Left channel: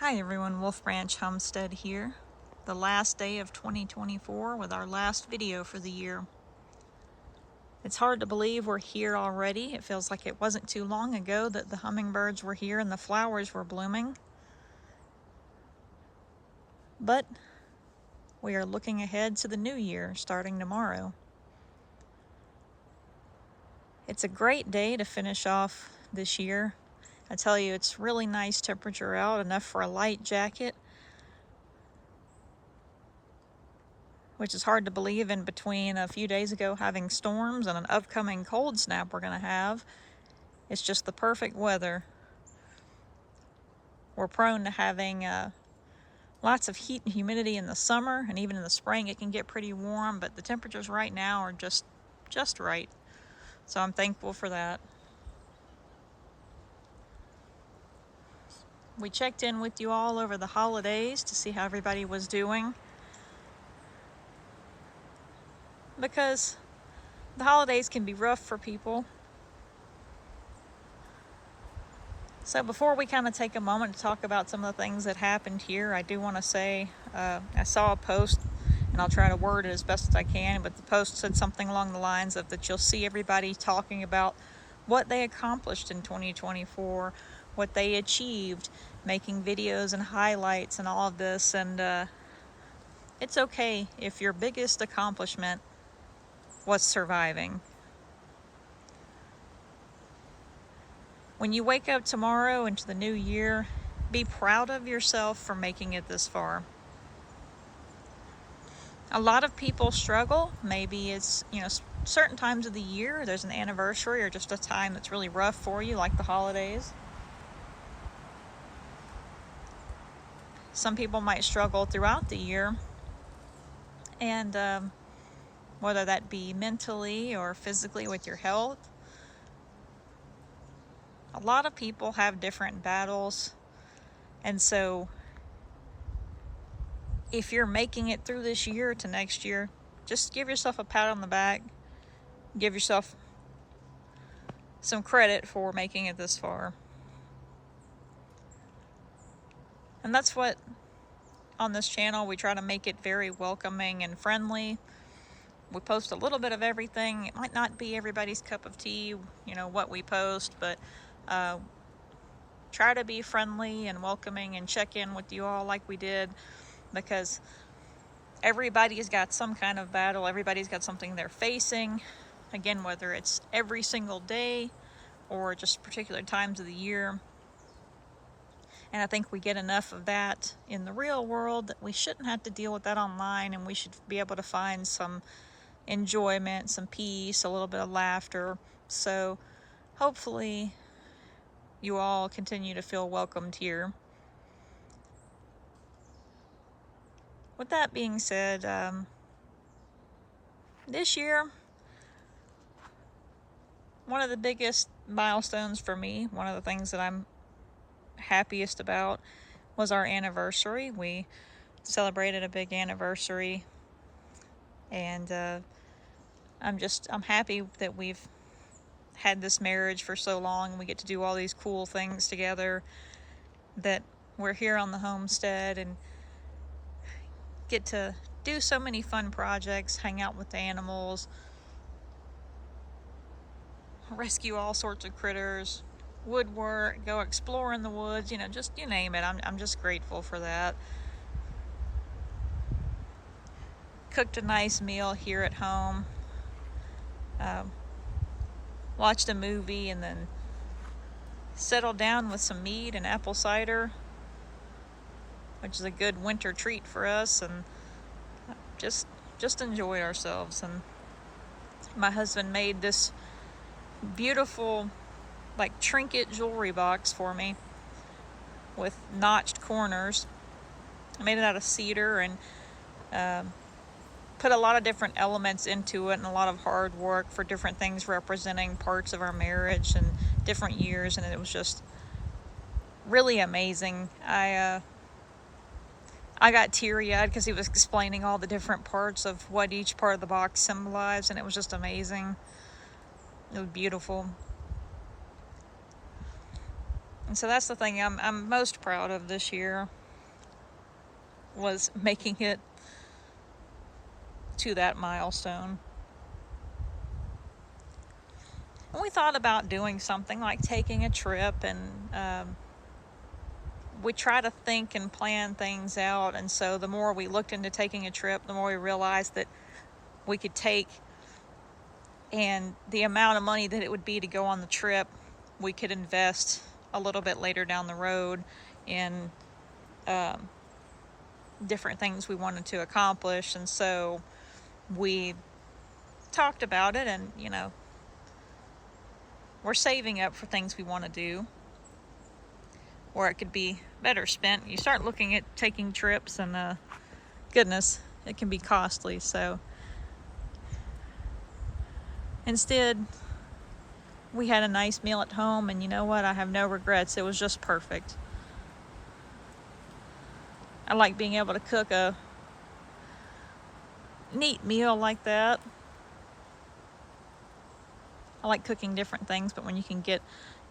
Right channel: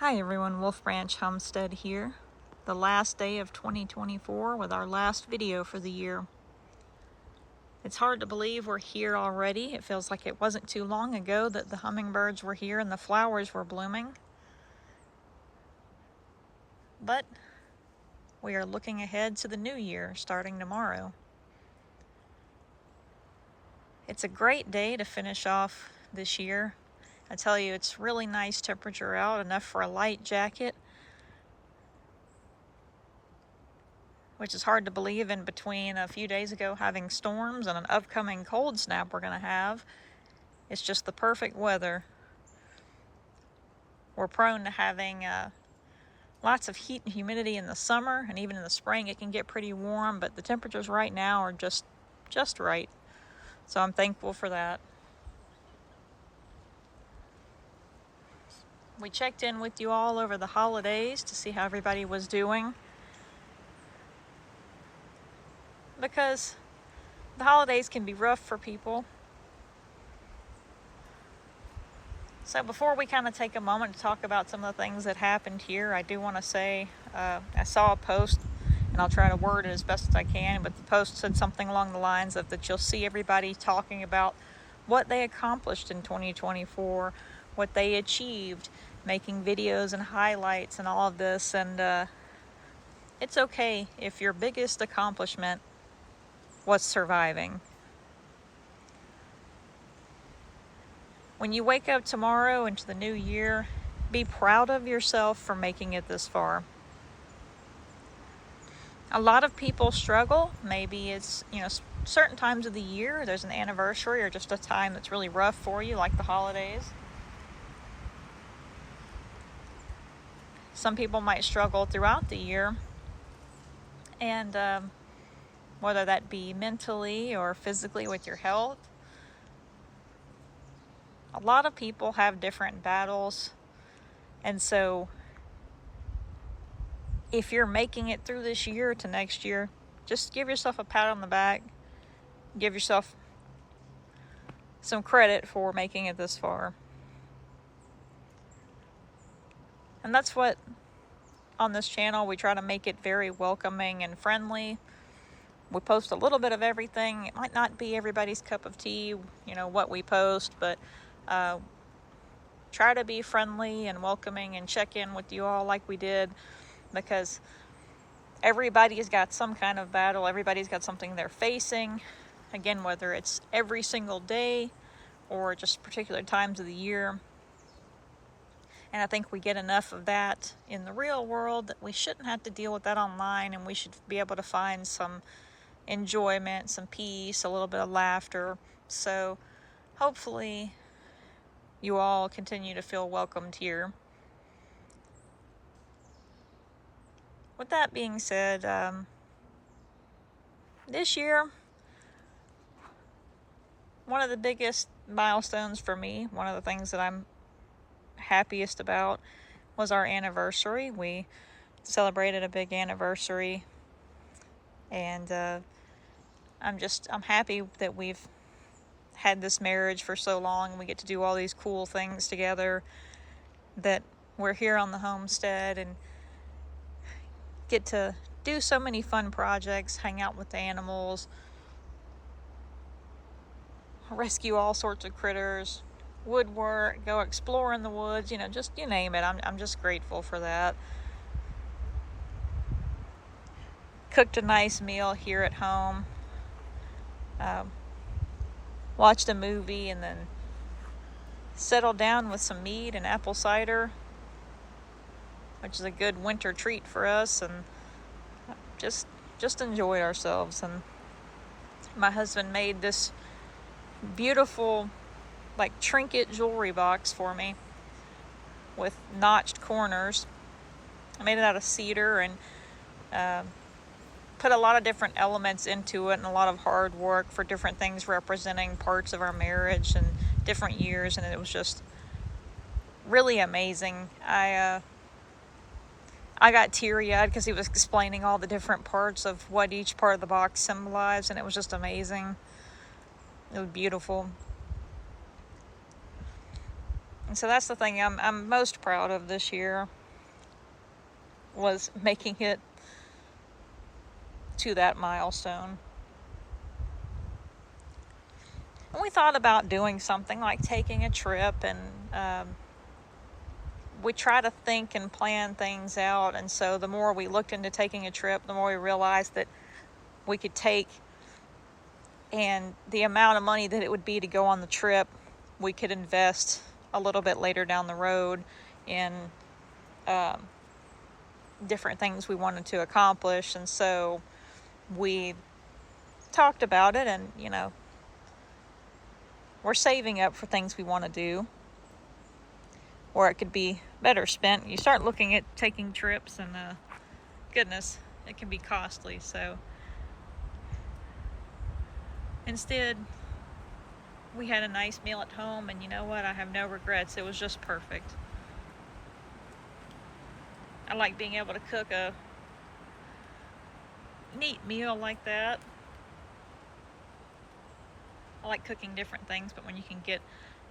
Hi everyone, Wolf Branch Homestead here. The last day of 2024 with our last video for the year. It's hard to believe we're here already. It feels like it wasn't too long ago that the hummingbirds were here and the flowers were blooming. But we are looking ahead to the new year starting tomorrow. It's a great day to finish off this year. I tell you, it's really nice temperature out, enough for a light jacket, which is hard to believe in between a few days ago having storms and an upcoming cold snap we're going to have. It's just the perfect weather. We're prone to having lots of heat and humidity in the summer, and even in the spring it can get pretty warm, but the temperatures right now are just right. So I'm thankful for that. We checked in with you all over the holidays to see how everybody was doing, because the holidays can be rough for people. So before we kind of take a moment to talk about some of the things that happened here, I do want to say I saw a post, and I'll try to word it as best as I can, but the post said something along the lines of that you'll see everybody talking about what they accomplished in 2024, what they achieved, making videos and highlights and all of this. And it's okay if your biggest accomplishment was surviving. When you wake up tomorrow into the new year, be proud of yourself for making it this far. A lot of people struggle. Maybe it's, certain times of the year, there's an anniversary or just a time that's really rough for you, like the holidays. Some people might struggle throughout the year, and whether that be mentally or physically with your health. A lot of people have different battles, and so if you're making it through this year to next year, just give yourself a pat on the back. Give yourself some credit for making it this far. And that's what, on this channel, we try to make it very welcoming and friendly. We post a little bit of everything. It might not be everybody's cup of tea, what we post, but try to be friendly and welcoming and check in with you all like we did, because everybody's got some kind of battle. Everybody's got something they're facing. Again, whether it's every single day or just particular times of the year. And I think we get enough of that in the real world that we shouldn't have to deal with that online, and we should be able to find some enjoyment, some peace, a little bit of laughter. So hopefully you all continue to feel welcomed here. With that being said, this year, one of the biggest milestones for me, one of the things that I'm happiest about, was our anniversary. We celebrated a big anniversary, and I'm happy that we've had this marriage for so long, and we get to do all these cool things together, that we're here on the homestead and get to do so many fun projects, hang out with the animals, rescue all sorts of critters, woodwork, go explore in the woods, just you name it. I'm just grateful for that. Cooked a nice meal here at home. Watched a movie, and then settled down with some meat and apple cider, which is a good winter treat for us, and just enjoyed ourselves. And my husband made this beautiful trinket jewelry box for me with notched corners. I made it out of cedar, and put a lot of different elements into it, and a lot of hard work for different things representing parts of our marriage and different years, and it was just really amazing. I got teary-eyed because he was explaining all the different parts of what each part of the box symbolized, and it was just amazing. It was beautiful. And so that's the thing I'm most proud of this year, was making it to that milestone. And we thought about doing something like taking a trip, and we try to think and plan things out. And so the more we looked into taking a trip, the more we realized that we could take, and the amount of money that it would be to go on the trip, we could invest a little bit later down the road in different things we wanted to accomplish. And so we talked about it, and we're saving up for things we want to do, or it could be better spent. You start looking at taking trips, and goodness, it can be costly. So instead, we had a nice meal at home, and you know what? I have no regrets. It was just perfect. I like being able to cook a neat meal like that. I like cooking different things, but when you can get,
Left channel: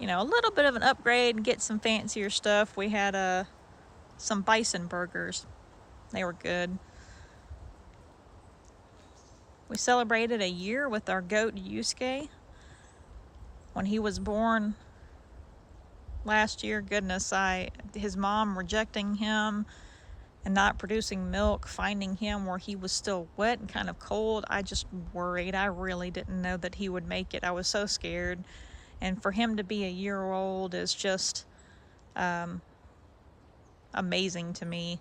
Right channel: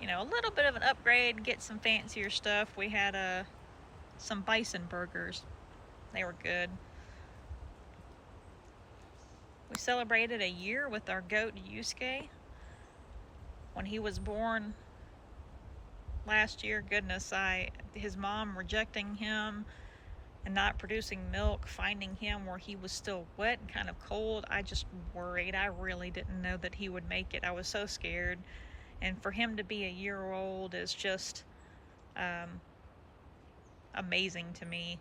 a little bit of an upgrade and get some fancier stuff. We had some bison burgers. They were good. We celebrated a year with our goat Yusuke. When he was born last year, goodness, his mom rejecting him and not producing milk, finding him where he was still wet and kind of cold, I just worried. I really didn't know that he would make it. I was so scared. And for him to be a year old is just amazing to me.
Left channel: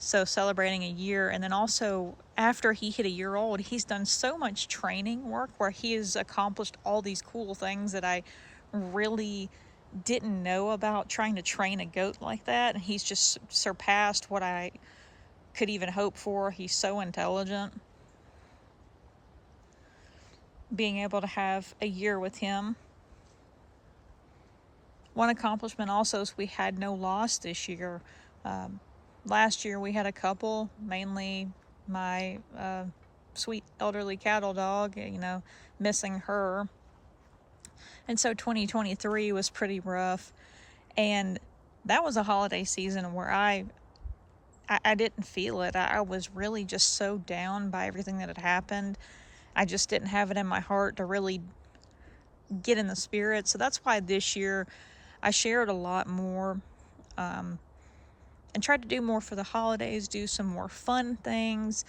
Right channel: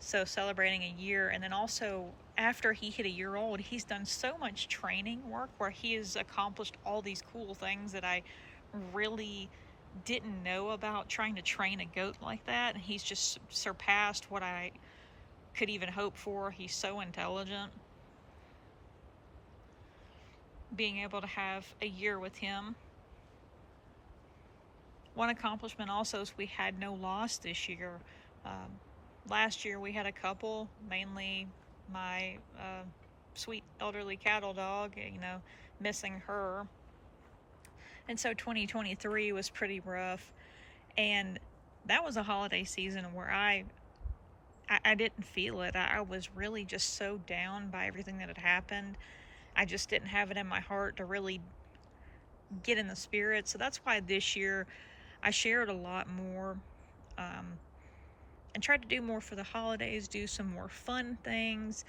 So celebrating a year, and then also after he hit a year old, he's done so much training work where he has accomplished all these cool things that I really didn't know about trying to train a goat like that. And he's just surpassed what I could even hope for. He's so intelligent. Being able to have a year with him. One accomplishment also is we had no loss this year. Last year we had a couple, mainly my sweet elderly cattle dog, missing her. And so 2023 was pretty rough. And that was a holiday season where I didn't feel it. I was really just so down by everything that had happened. I just didn't have it in my heart to really get in the spirit. So that's why this year I shared a lot more, and tried to do more for the holidays, do some more fun things.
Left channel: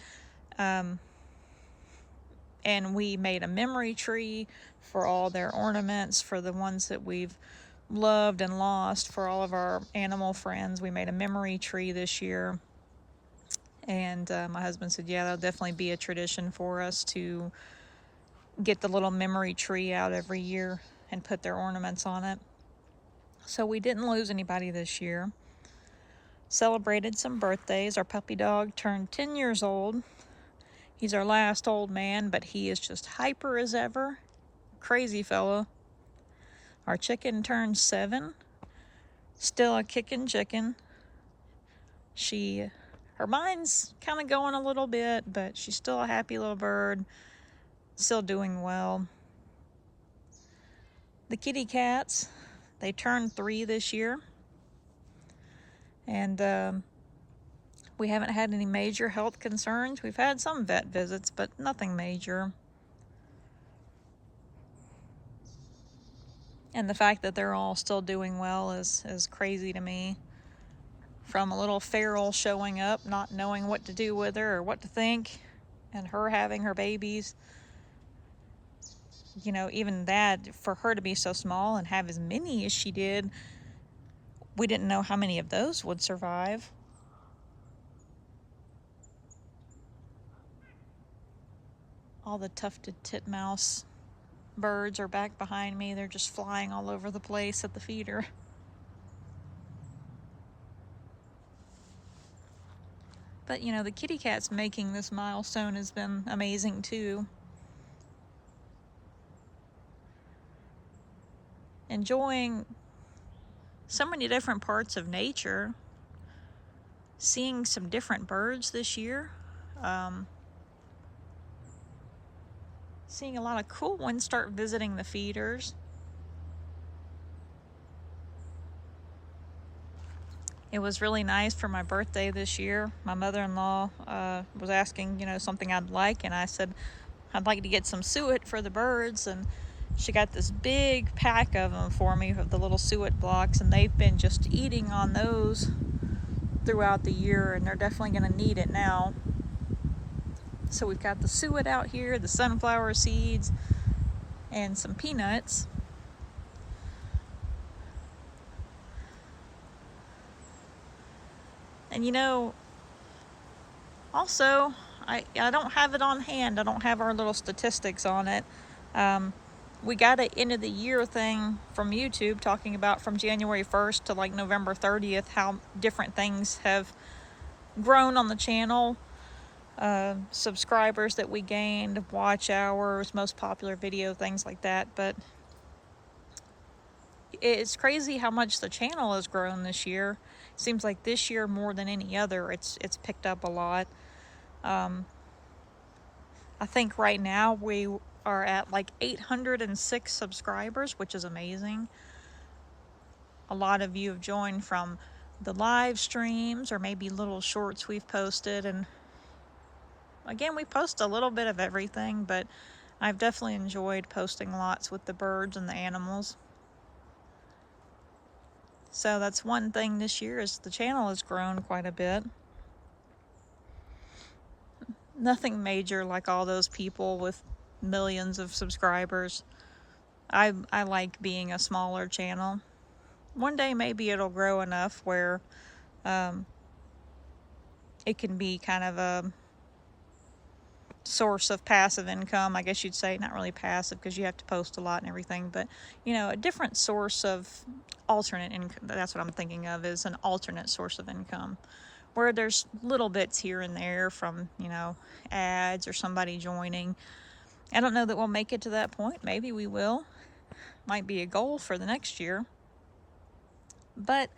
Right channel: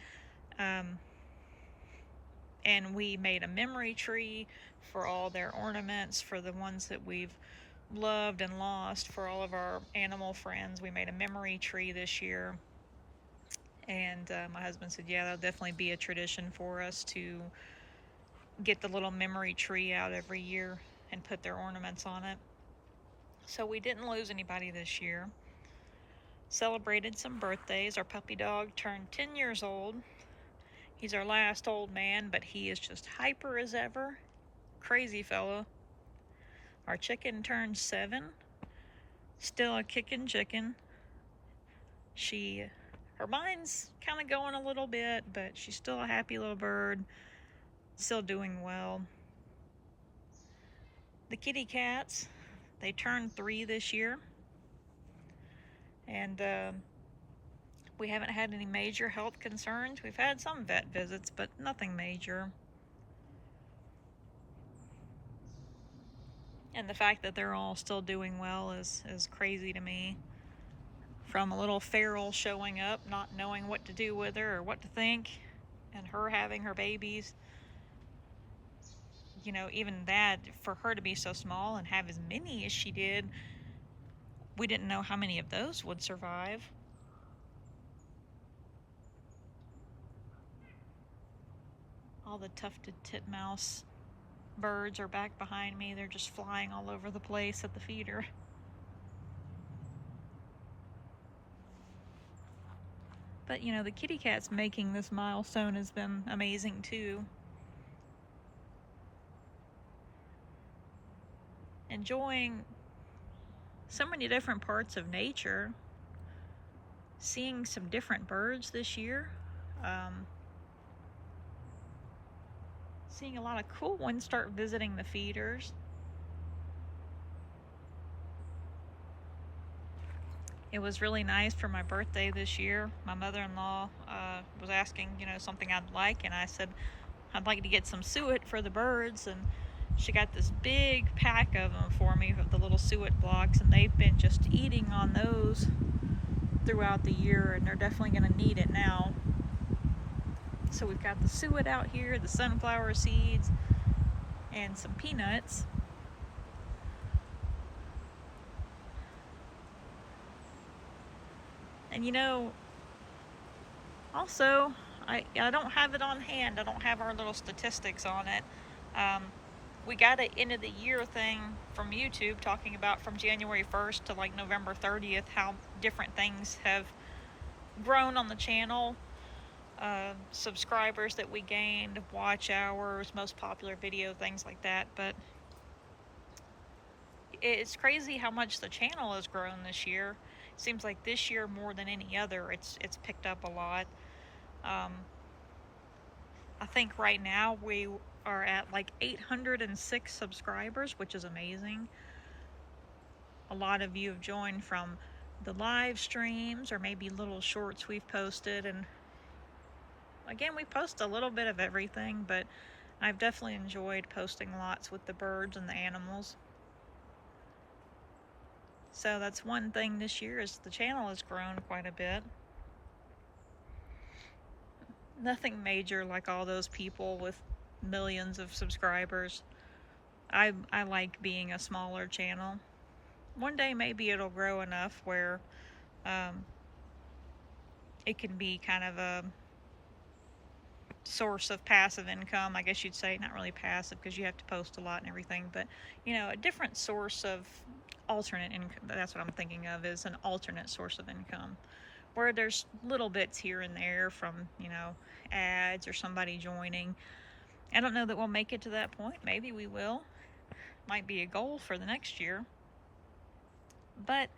And we made a memory tree for all their ornaments, for the ones that we've loved and lost, for all of our animal friends. We made a memory tree this year. And my husband said, yeah, that'll definitely be a tradition for us to get the little memory tree out every year and put their ornaments on it. So we didn't lose anybody this year. Celebrated some birthdays. Our puppy dog turned 10 years old. He's our last old man, but he is just hyper as ever. Crazy fella. Our chicken turned 7. Still a kicking chicken. Her mind's kind of going a little bit, but she's still a happy little bird. Still doing well. The kitty cats, they turned 3 this year. And we haven't had any major health concerns. We've had some vet visits, but nothing major. And the fact that they're all still doing well is crazy to me. From a little feral showing up, not knowing what to do with her or what to think, and her having her babies. Even that, for her to be so small and have as many as she did, we didn't know how many of those would survive. All the tufted titmouse birds are back behind me. They're just flying all over the place at the feeder. But the kitty cats making this milestone has been amazing too. Enjoying so many different parts of nature. Seeing some different birds this year. Seeing a lot of cool ones start visiting the feeders. It was really nice for my birthday this year. My mother-in-law was asking, something I'd like, and I said I'd like to get some suet for the birds, and she got this big pack of them for me, of the little suet blocks, and they've been just eating on those throughout the year, and they're definitely going to need it now. So we've got the suet out here, the sunflower seeds, and some peanuts. And also, I don't have it on hand. I don't have our little statistics on it. We got an end of the year thing from YouTube talking about from January 1st to like November 30th how different things have grown on the channel. Subscribers that we gained, watch hours, most popular video, things like that. But it's crazy how much the channel has grown this year. It seems like this year more than any other, it's picked up a lot. I think right now we are at like 806 subscribers, which is amazing. A lot of you have joined from the live streams or maybe little shorts we've posted, and again, we post a little bit of everything, but I've definitely enjoyed posting lots with the birds and the animals. So that's one thing this year, is the channel has grown quite a bit. Nothing major like all those people with millions of subscribers. I like being a smaller channel. One day maybe it'll grow enough where it can be kind of a source of passive income, I guess you'd say. Not really passive because you have to post a lot and everything, but a different source of alternate income. That's what I'm thinking of, is an alternate source of income where there's little bits here and there from ads or somebody joining. I don't know that we'll make it to that point. Maybe we will. Might be a goal for the next year, but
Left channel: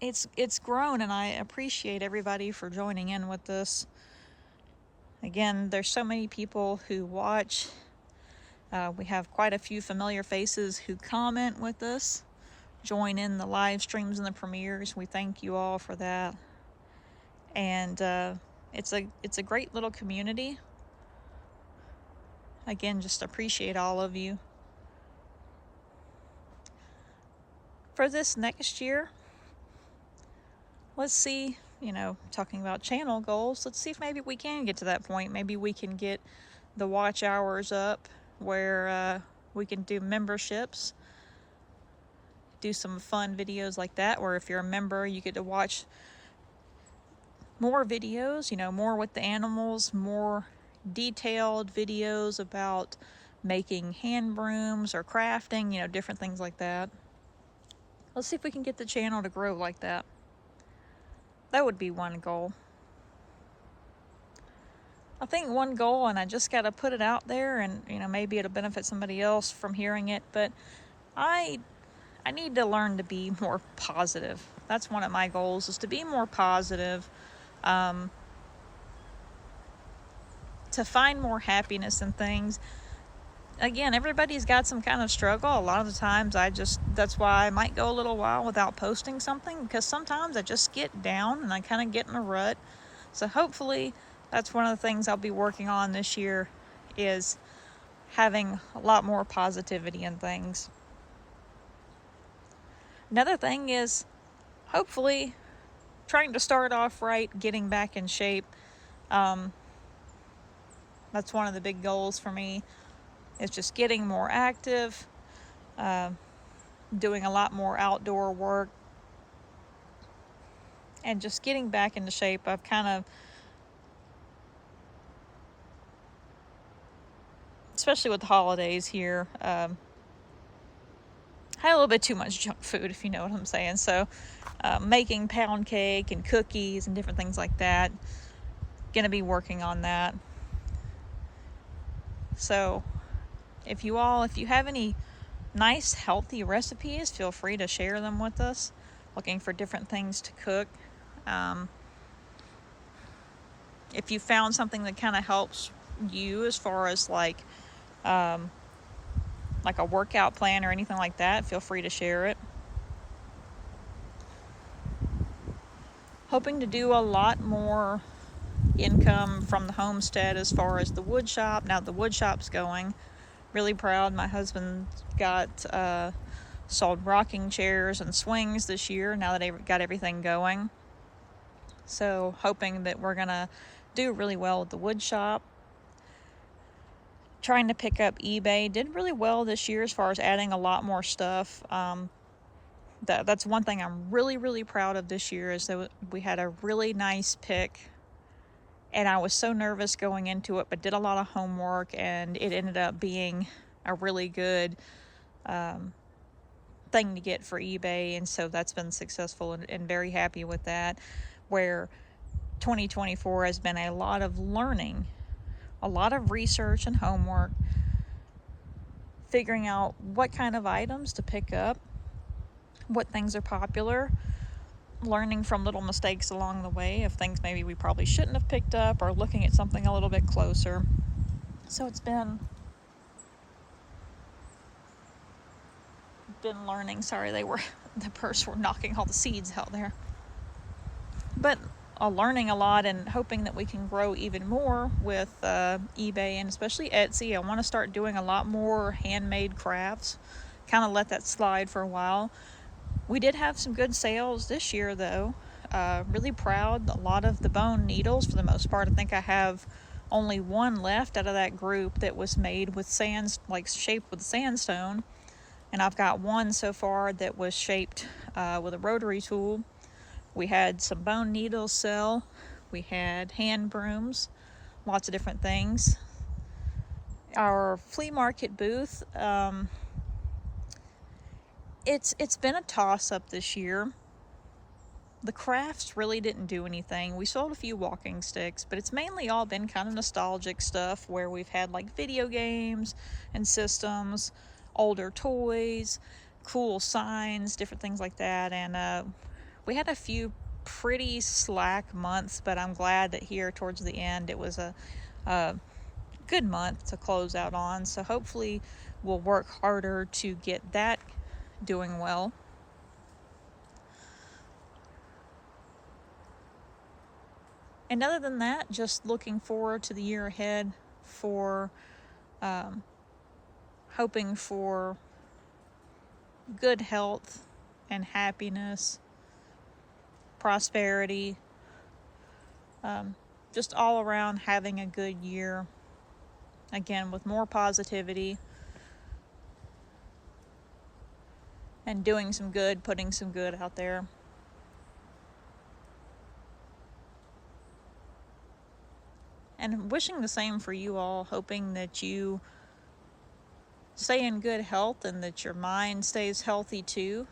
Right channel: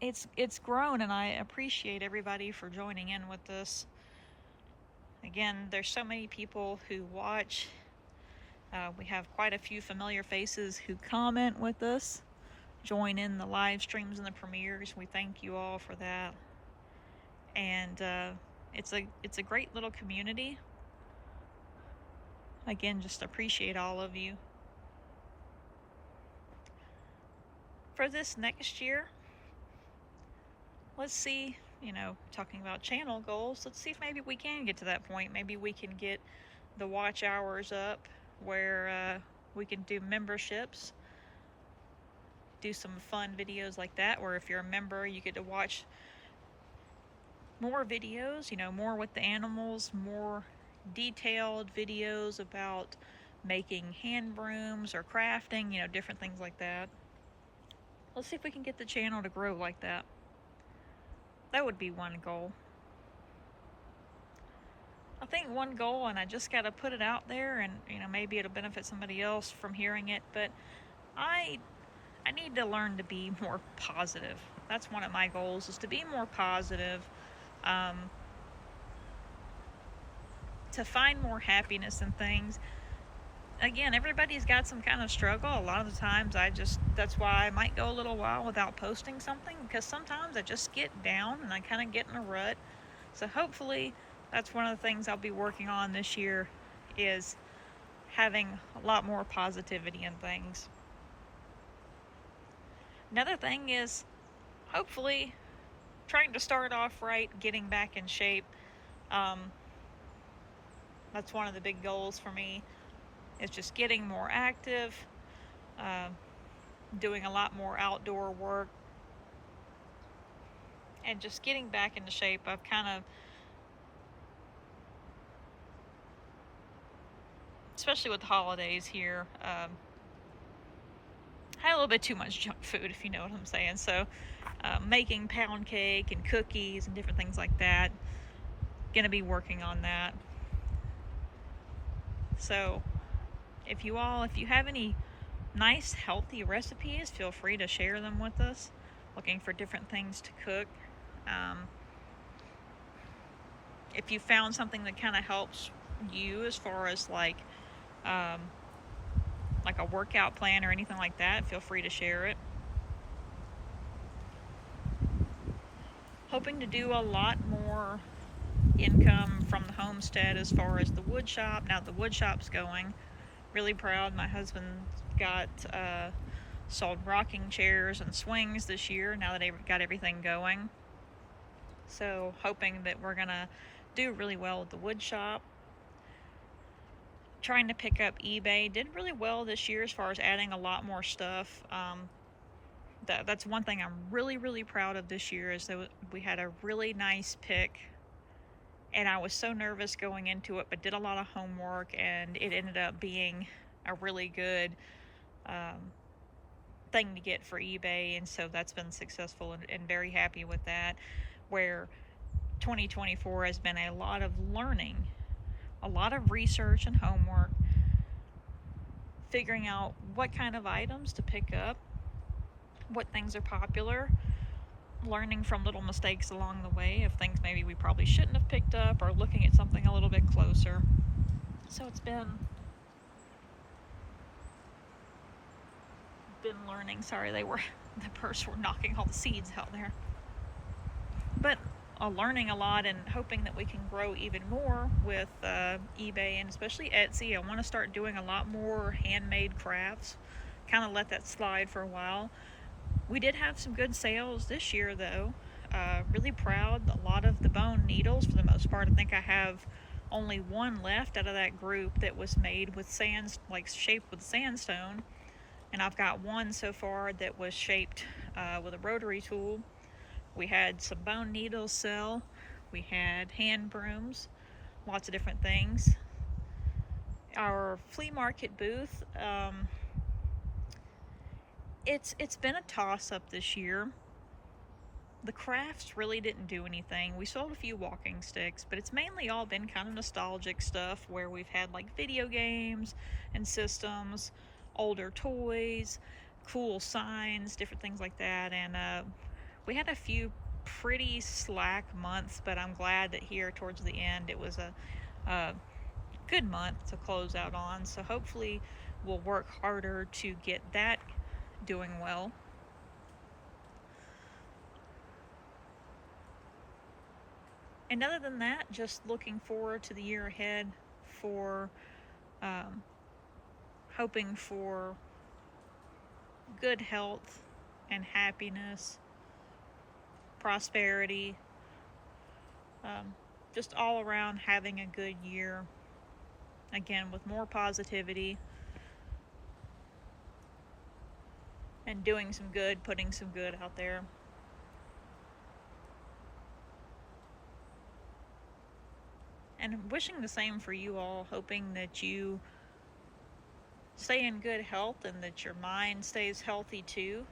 it's grown, and I appreciate everybody for joining in with this. Again, there's so many people who watch. We have quite a few familiar faces who comment with us, join in the live streams and the premieres. We thank you all for that. And it's a great little community. Again, just appreciate all of you. For this next year, let's see, talking about channel goals, let's see if maybe we can get to that point. Maybe we can get the watch hours up where we can do memberships, do some fun videos like that, where if you're a member, you get to watch more videos, more with the animals, more detailed videos about making hand brooms or crafting, different things like that. Let's see if we can get the channel to grow like that. That would be one goal. I think one goal, and I just got to put it out there, and maybe it'll benefit somebody else from hearing it, but I need to learn to be more positive. That's one of my goals, is to be more positive, to find more happiness in things. Again, everybody's got some kind of struggle. A lot of the times that's why I might go a little while without posting something, because sometimes I just get down and I kind of get in a rut. So hopefully that's one of the things I'll be working on this year, is having a lot more positivity in things. Another thing is hopefully trying to start off right, getting back in shape. That's one of the big goals for me, is just getting more active, doing a lot more outdoor work, and just getting back into shape. I've kind of, especially with the holidays here, had a little bit too much junk food, if you know what I'm saying. So making pound cake and cookies and different things like that, gonna be working on that. So if you have any nice healthy recipes, feel free to share them with us. Looking for different things to cook. If you found something that kind of helps you as far as like a workout plan or anything like that, feel free to share it. hoping to do a lot more income from the homestead as far as the wood shop. Now the wood shop's going. Really proud. My husband got sold rocking chairs and swings this year now that they got everything going. So hoping that we're gonna do really well with the wood shop. Trying to pick up eBay. Did really well this year as far as adding a lot more stuff. That's one thing I'm really proud of this year, is that we had a really nice pick, and I was so nervous going into it, but did a lot of homework, and it ended up being a really good thing to get for eBay, and so that's been successful, and very happy with that. Where 2024 has been a lot of learning, a lot of research and homework, figuring out what kind of items to pick up, what things are popular, learning from little mistakes along the way of things maybe we probably shouldn't have picked up, or looking at something a little bit closer. So it's been learning. Sorry, the birds were knocking all the seeds out there. But learning a lot, and hoping that we can grow even more with eBay, and especially Etsy. I want to start doing a lot more handmade crafts. Kind of let that slide for a while. We did have some good sales this year, though. Really proud. A lot of the bone needles, for the most part. I think I have only one left out of that group that was made with shaped with sandstone. And I've got one so far that was shaped with a rotary tool. We had some bone needles sell. We had hand brooms, lots of different things. Our flea market booth, it's been a toss-up this year. The crafts really didn't do anything. We sold a few walking sticks, but it's mainly all been kind of nostalgic stuff, where we've had like video games and systems, older toys, cool signs, different things like that. And we had a few pretty slack months, but I'm glad that here towards the end it was a good month to close out on. So hopefully we'll work harder to get that doing well. And other than that, just looking forward to the year ahead, for hoping for good health and happiness, prosperity, just all around having a good year. Again, with more positivity and doing some good, putting some good out there. And wishing the same for you all, hoping that you stay in good health and that your mind stays healthy too.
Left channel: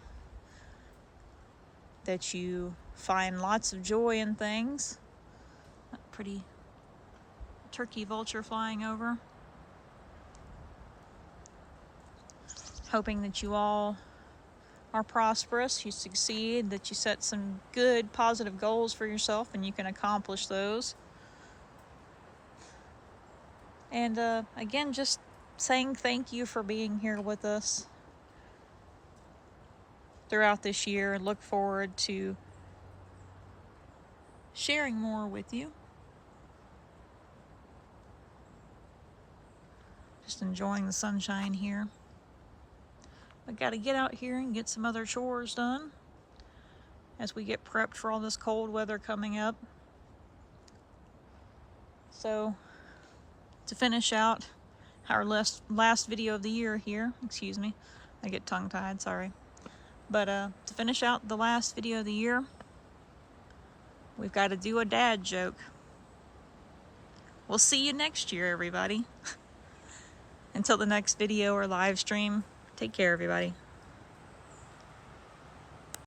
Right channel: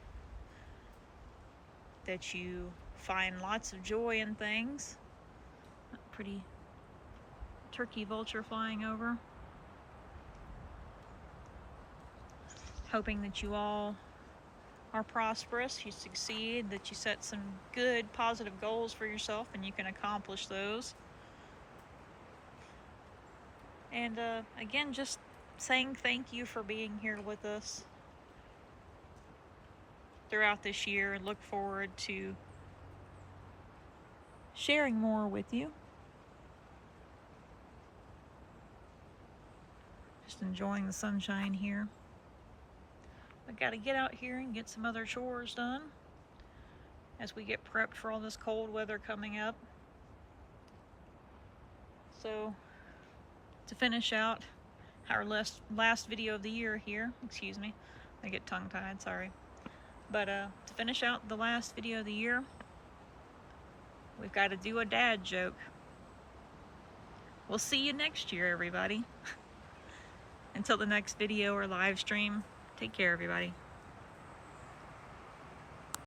That you find lots of joy in things. Pretty turkey vulture flying over. Hoping that you all are prosperous, you succeed, that you set some good, positive goals for yourself and you can accomplish those. And again, just saying thank you for being here with us throughout this year, and look forward to sharing more with you. Just enjoying the sunshine here. We got to get out here and get some other chores done as we get prepped for all this cold weather coming up. So to finish out our last video of the year here, excuse me, I get tongue-tied, sorry. But to finish out the last video of the year, we've got to do a dad joke. We'll see you next year, everybody. Until the next video or live stream, take care, everybody.